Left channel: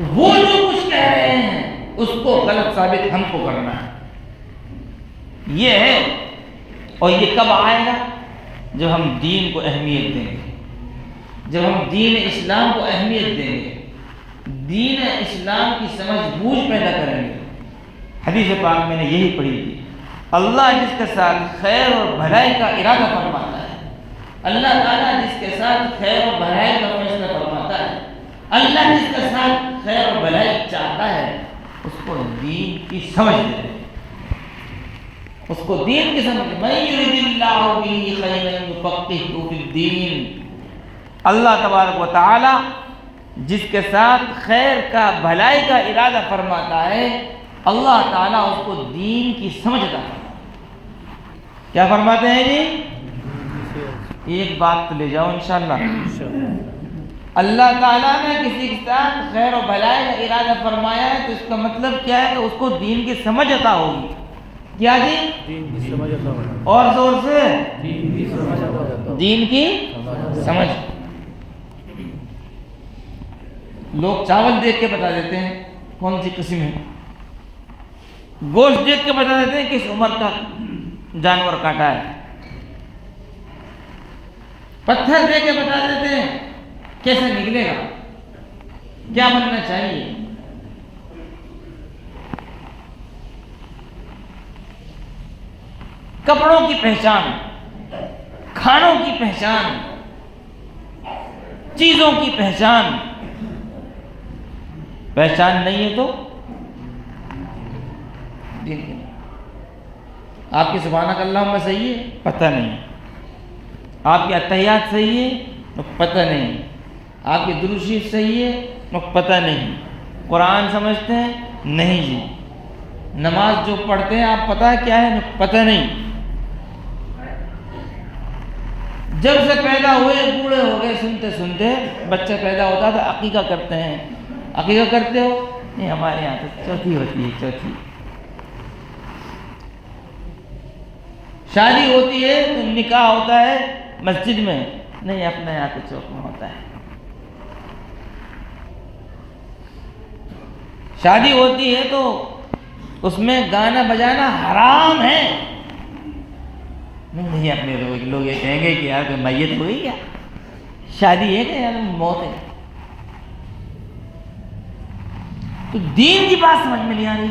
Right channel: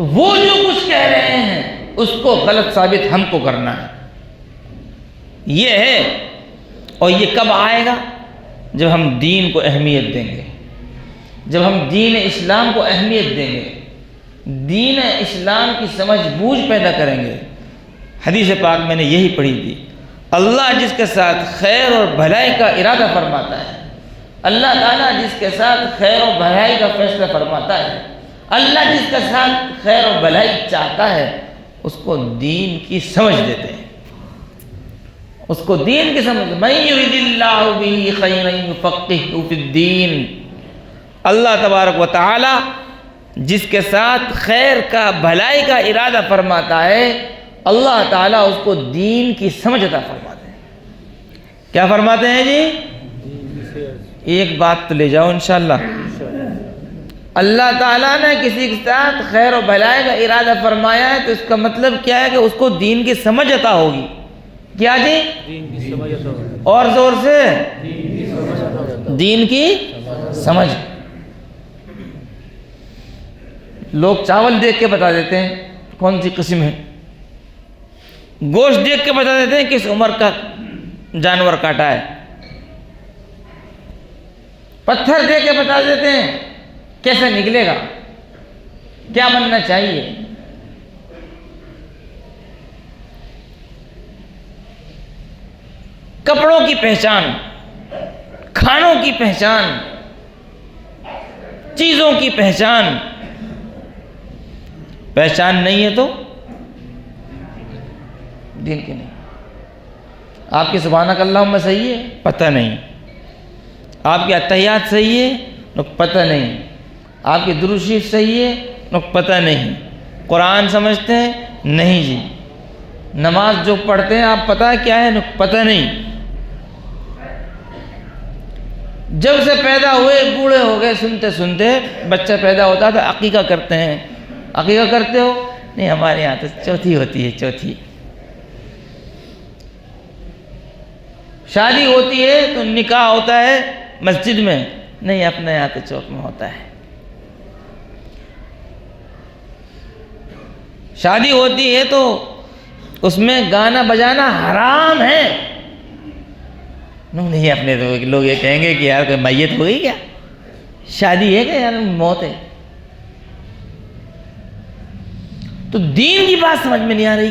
وہ جو کچھ کہہ رہے ہیں اس کو غلط ثابت ہم کو کرنا ہے، یہ ہے۔ اور یہ کب آئے گا؟ جب ہم دین کو اہمیت دیں گے، جب ہم دین اسلام کو اہمیت دیں گے، دین اسلام کی سمجھ بوجھ پیدا کریں گے۔ حدیث پاک میں نے یہی پڑھی تھی، اللہ جس کے ساتھ خیر اور بھلائی کا ارادہ فرماتا ہے، اللہ تعالیٰ جس کے ساتھ خیر اور بھلائی کا فیصلہ فرماتا ہے، اللہ جس کے ساتھ خیر اور بھلائی چاہتا ہے، اس کو دین کی سمجھ دیتے ہیں، اس کو دین کی سمجھ۔ مَن یُرِدِ اللَّهُ بِهِ خَیْرًا یُفَقِّهْهُ فِی الدِّین، اللہ تبارک و تعالی جس کے ساتھ خیر کا بھلائی کا ارادہ فرماتا ہے، اللہ تعالیٰ اس کو دین کی سمجھ عطا فرماتے ہیں۔ کیا فرماتے ہیں جی؟ ایک بات تو لے جاؤ انشاءاللہ، اللہ تعالیٰ نے کسی کے ساتھ خیر و بھلائی کا ارادہ فرمایا ہے تو اس کا مطلب کیا ہے کہ اس کو دین کی سمجھ عطا ہوگی۔ کیا جی؟ اور زور سے دین کی سمجھ۔ لوگ چاول دیکھ کے بتا دیتے ہیں کون سی قسم ہے، گوشت دیکھ کے بتا دیتے ہیں کس عمر کا جانور کاٹا ہے، پتھر دیکھ کے بتا دیتے ہیں کیسے نکلے گا، کیا بننا چاہیے۔ کپڑوں کی پہچان، کھانوں کی پہچان، چیزوں کی پہچان نہیں ہے تو دین کی نہیں۔ آپ کی سبحانک اللہم صحیح ہے، پتہ نہیں۔ آپ کی اتحیات صحیح ہے، پتہ نہیں۔ آپ کی درود شریف صحیح ہے، پتہ نہیں۔ قرآن سمجھتے ہیں؟ نہیں جی۔ نماز جو پڑھتے ہیں آپ پتہ ہے کیا ہے؟ پتہ نہیں۔ جب سے پیدا ہوئے بوڑھے ہو گئے، سنتے سنتے بچہ پیدا ہوتا تھا عقیقہ کرتے ہیں، عقیقہ کرتے ہو؟ نہیں، ہمارے یہاں تو چوتھی ہوتی ہے، چوتھی۔ شادی ہوتی ہے تو نکاح ہوتا ہے مسجد میں، نہیں اپنے یہاں تو چوک میں ہوتا ہے۔ شادی ہوتی ہے تو اس میں گانا بجانا حرام ہے، نہیں اپنے لوگ یہ کہیں گے کہ یار کوئی میت ہو گئی کیا، شادی ہے کہ یار موت ہے۔ تو دین کی بات سمجھ میں نہیں آ رہی۔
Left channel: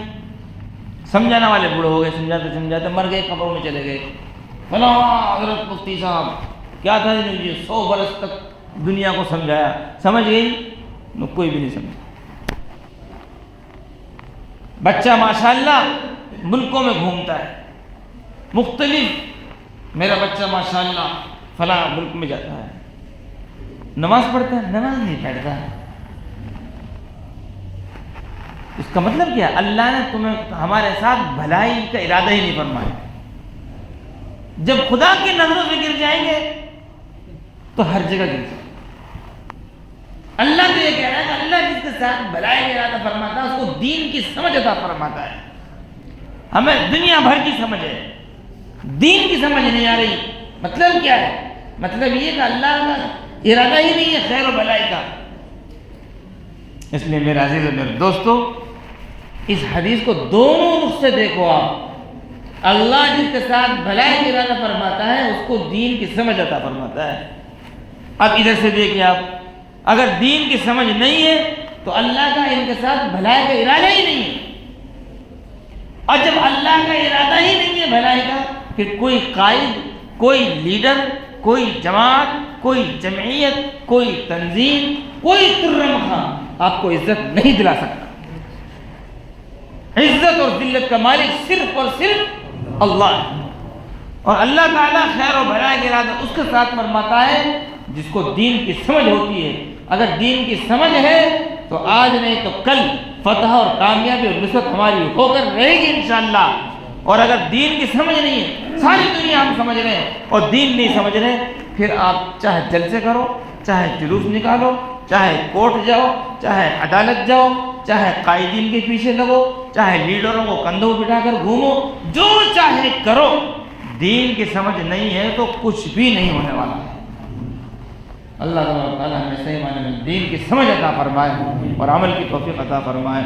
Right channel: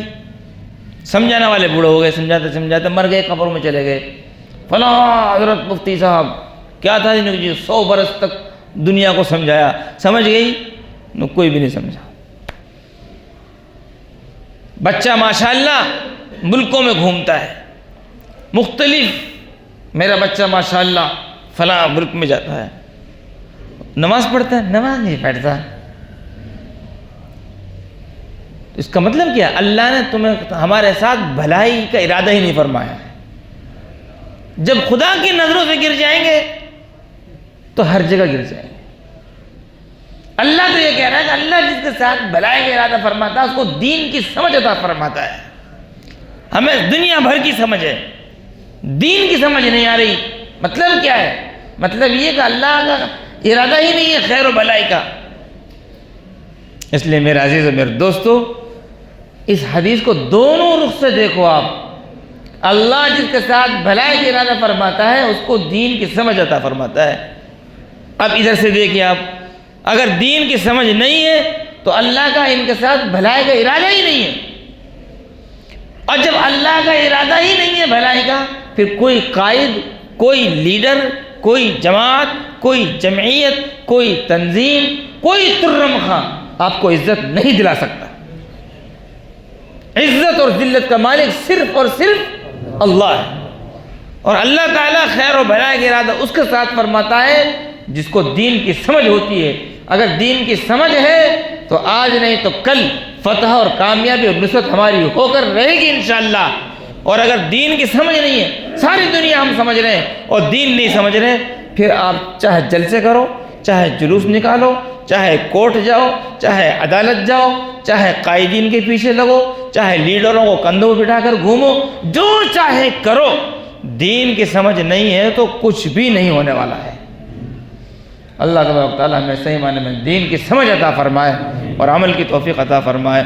سمجھانے والے بوڑھے ہو گئے، سمجھاتے سمجھاتے مر گئے، قبر میں چلے گئے۔ فلاں حضرت مفتی صاحب کیا تھا جی 100 برس تک دنیا کو سمجھایا، سمجھ گئی؟ کوئی بھی نہیں سمجھا۔ بچہ ماشاءاللہ ملکوں میں گھومتا ہے مختلف، میرا بچہ ماشاءاللہ فلاں ملک میں جاتا ہے، نماز پڑھتا ہے؟ نماز نہیں پڑھتا۔ اس کا مطلب کیا؟ اللہ نے تمہیں ہمارے ساتھ بھلائی کا ارادہ ہی نہیں فرمایا۔ جب خدا کی نظروں سے گر جائیں گے تو ہر جگہ گر جائیں گے۔ اللہ تو یہ کہہ رہا ہے کہ اللہ جس کے ساتھ بھلائی کا ارادہ فرماتا ہے اس کو دین کی سمجھ عطا فرماتا ہے۔ ہمیں دنیا بھر کی سمجھ ہے، دین کی سمجھ نہیں آ رہی۔ مطلب کیا ہے؟ مطلب یہ کہ اللہ کا ارادہ ہی نہیں ہے خیر و بھلائی کا۔ اس لیے میرے عزیز و میرے دوستو، اس حدیث کو دونوں رخ سے دیکھو آپ۔ اللہ جس کے ساتھ بھلائی کا ارادہ فرماتا ہے اس کو دین کی سمجھ عطا فرماتا ہے۔ اب ادھر سے دیکھیے آپ، اگر دین کی سمجھ نہیں ہے تو اللہ کا ان کے ساتھ بھلائی کا ارادہ ہی نہیں ہے، اور جب اللہ کا ارادہ ہی نہیں ہے بھلائی کا، پھر کوئی قائد، کوئی لیڈر، کوئی جماعت، کوئی جمعیت، کوئی تنظیم، کوئی ترم خان آپ کو عزت نہیں دلا سکتا۔ عزت اور ذلت کا مالک صرف اور صرف اللہ ہے، اور اللہ تعالیٰ خیر و بھلائی کا ارادہ اس کے ساتھ فرماتا ہے جس کو دین کی سمجھ ہوتی ہے۔ اگر دین کی سمجھ ہے تو آج نہیں تو کل فتح اور کامیابی اور نصرت ہماری ہو کر رہے گی انشاءاللہ۔ اور اگر دین کی سمجھ نہیں ہے، ساری دنیا ہم سمجھ رہے ہیں اور دین نہیں سمجھ رہے، پھر آپ چاہے جلسے کرو، چاہے جلوس نکالو، چاہے کورٹ جاؤ، چاہے عدالت جاؤ، چاہے قائدین کے پیچھے لگو، چاہے لیڈروں کو کندھوں پہ بٹھا کر گھومو، جو چاہے کرو، دین کی سمجھ نہیں ہے تو کچھ بھی نہیں ہونے والا ہے۔ اللہ تبارک و تعالیٰ ہمیں صحیح معنی میں دین کی سمجھ عطا فرمائے اور عمل کی توفیق عطا فرمائے۔